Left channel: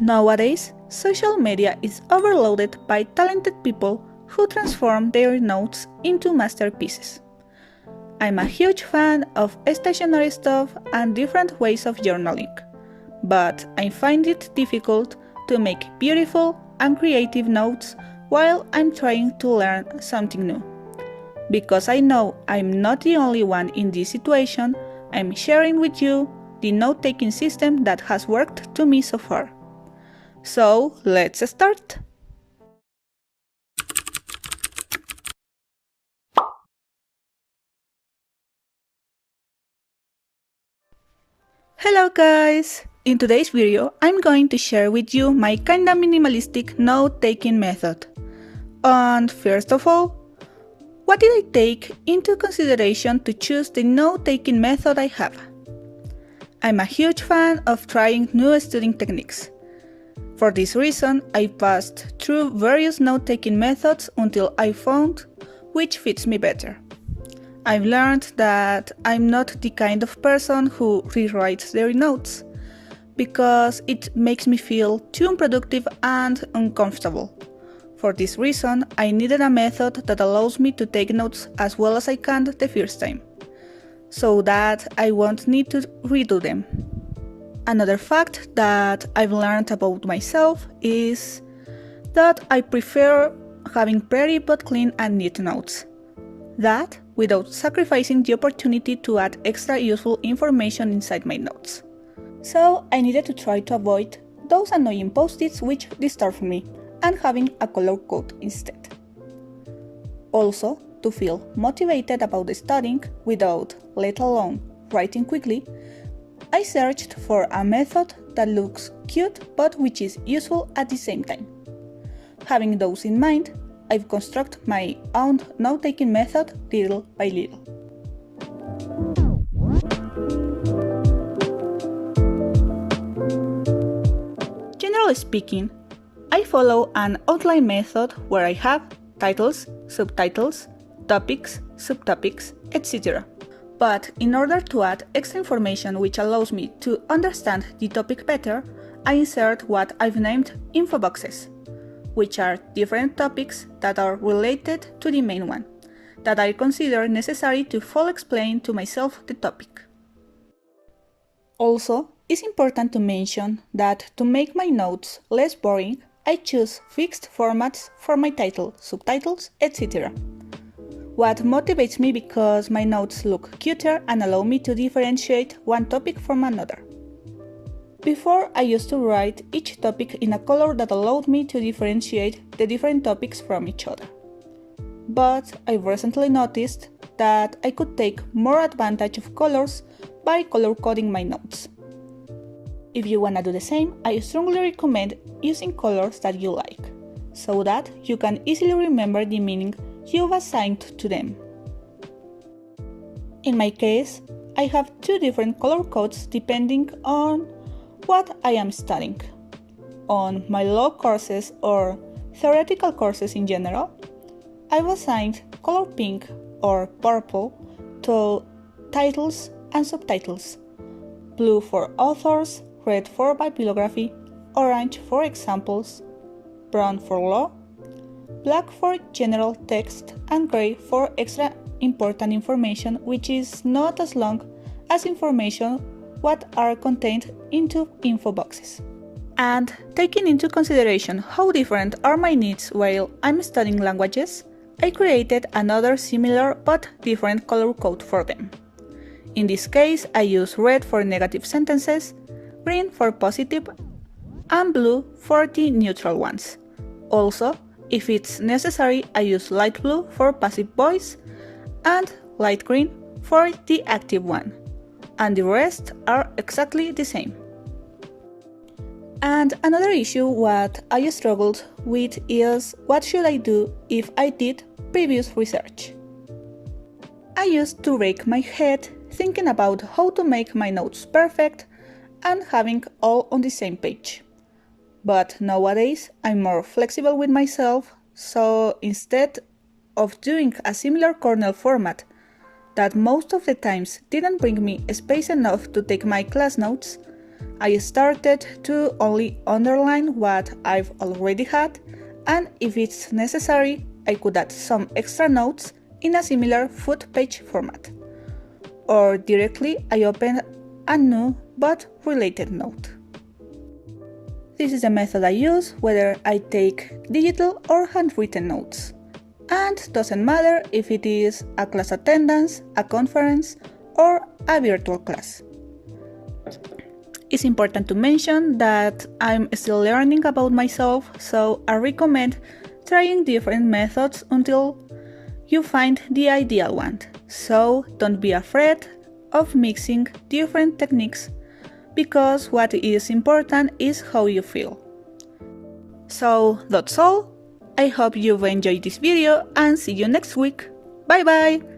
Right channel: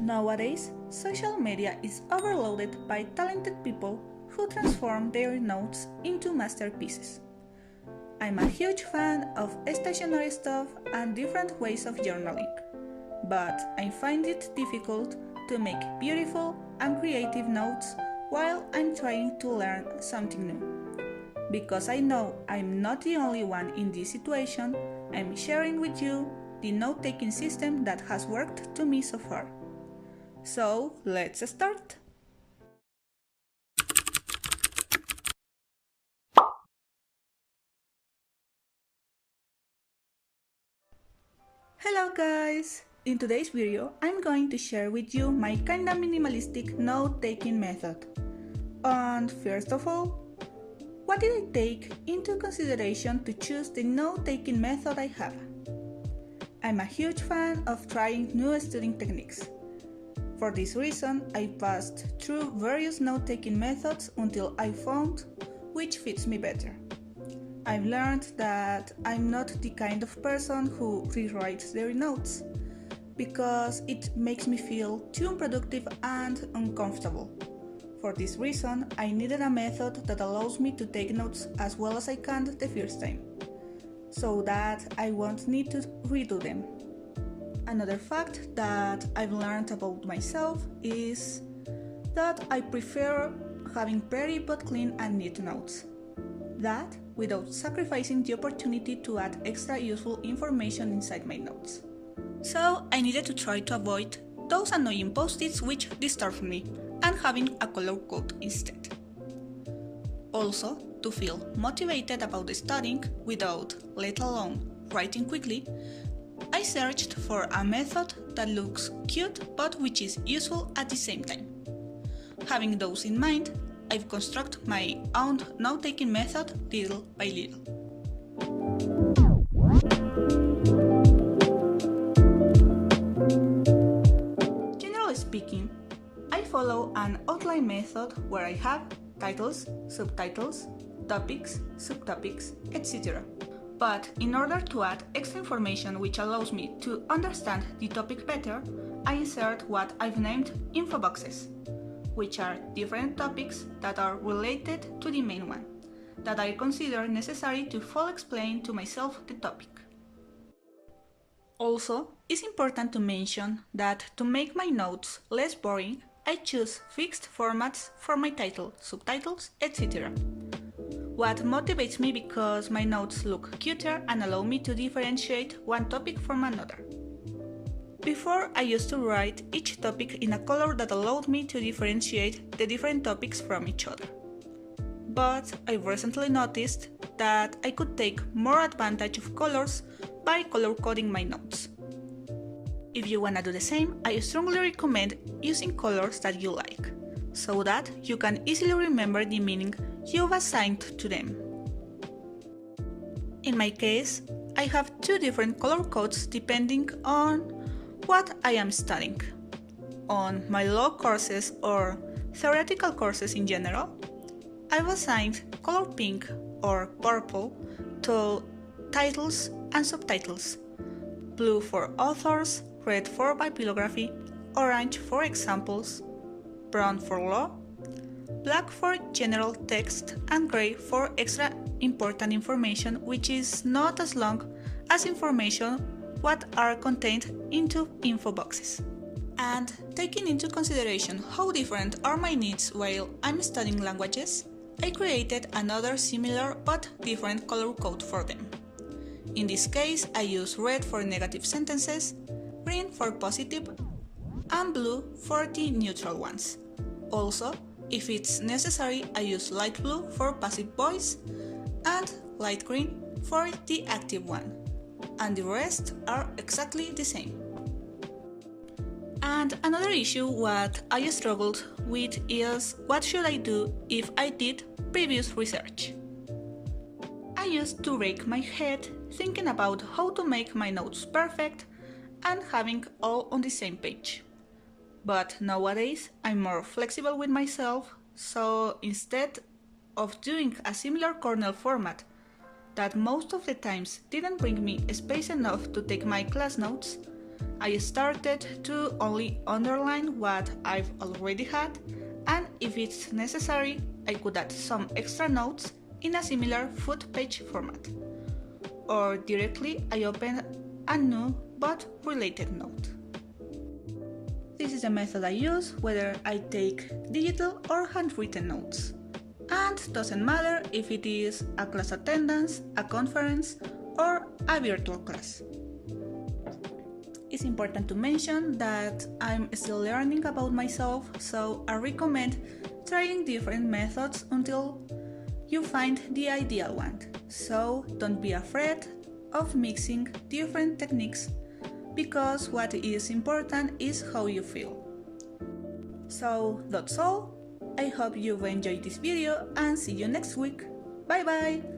Nowadays, social media is overloaded by talented people who transform their notes into masterpieces. I'm a huge fan of stationery stuff and different ways of journaling, but I find it difficult to make beautiful and creative notes while I'm trying to learn something new. Because I know I'm not the only one in this situation, I'm sharing with you the note-taking system that has worked to me so far. So, let's start! Hello guys! In today's video, I'm going to share with you my kinda minimalistic note-taking method. And first of all, what did I take into consideration to choose the note-taking method I have? I'm a huge fan of trying new studying techniques. For this reason, I passed through various note-taking methods until I found which fits me better. I've learned that I'm not the kind of person who rewrites their notes, because it makes me feel too unproductive and uncomfortable. For this reason, I needed a method that allows me to take notes as well as I can the first time, so that I won't need to redo them. Another fact that I've learned about myself is that I prefer having pretty but clean and neat notes. That without sacrificing the opportunity to add extra useful information inside my notes. So I needed to try to avoid those annoying post-its which disturb me and having a color code instead. Also, to feel motivated about studying without, let alone, writing quickly, I searched for a method that looks cute but which is useful at the same time. Having those in mind, I've constructed my own note-taking method little by little. Generally speaking, I follow an outline method where I have titles, subtitles, topics, subtopics, etc. But in order to add extra information which allows me to understand the topic better, I insert what I've named info boxes, which are different topics that are related to the main one, that I consider necessary to fully explain to myself the topic. Also, it's important to mention that to make my notes less boring, I choose fixed formats for my title, subtitles, etc. What motivates me because my notes look cuter and allow me to differentiate one topic from another. Before, I used to write each topic in a color that allowed me to differentiate the different topics from each other. But I recently noticed that I could take more advantage of colors by color coding my notes. If you wanna do the same, I strongly recommend using colors that you like, so that you can easily remember the meaning you've assigned to them. In my case, I have two different color codes depending on what I am studying. On my law courses or theoretical courses in general, I've assigned color pink or purple to titles and subtitles, blue for authors, red for bibliography, orange for examples, brown for law, black for general text, and gray for extra important information which is not as long as information what are contained into info boxes. And taking into consideration how different are my needs while I'm studying languages, I created another similar but different color code for them. In this case, I use red for negative sentences, green for positive, and blue for the neutral ones. Also, if it's necessary, I use light blue for passive voice and light green for the active one, and the rest are exactly the same. And another issue what I struggled with is what should I do if I did previous research. I used to rake my head thinking about how to make my notes perfect and having all on the same page. But nowadays I'm more flexible with myself, so instead of doing a similar kernel format that most of the times didn't bring me space enough to take my class notes, I started to only underline what I've already had, and if it's necessary, I could add some extra notes in a similar foot page format. Or directly I open a new but related note. This is the method I use whether I take digital or handwritten notes. And doesn't matter if it is a class attendance, a conference, or a virtual class. It's important to mention that I'm still learning about myself, so I recommend trying different methods until you find the ideal one. So don't be afraid of mixing different techniques, because what is important is how you feel. So that's all. I hope you've enjoyed this video and see you next week. Bye bye!